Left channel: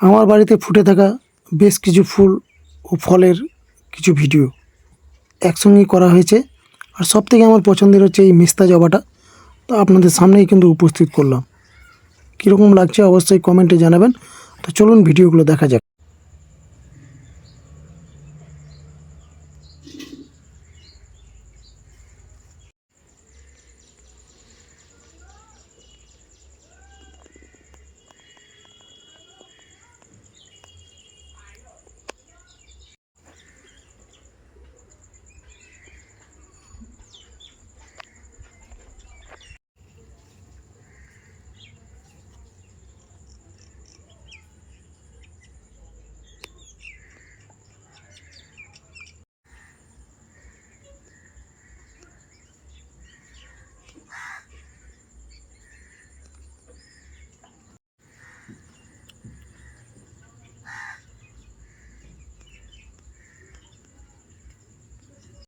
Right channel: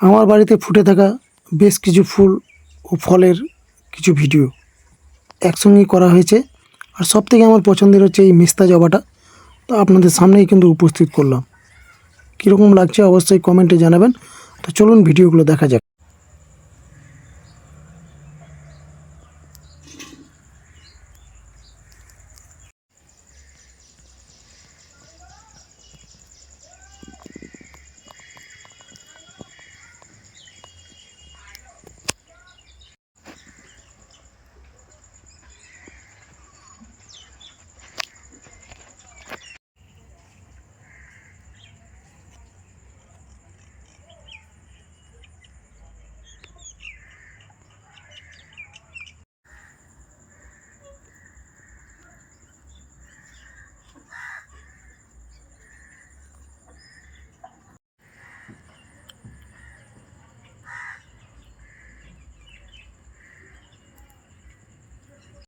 আমার বাড়িতে ফুটে থাকা বেশ কিছু ফুল ও ফলের কিছু ভিডিও একসঙ্গেই করা হয়েছে। আর সবথেকে আমার পছন্দের হচ্ছে এই মেস্তা জবাটা। তো আপনাদের সামনেই কিন্তু উপস্থিত করলাম। কীরকম লাগছে অবশ্যই কমেন্টে জানাবেন। তো চলুন ভিডিওগুলো দেখা যাক।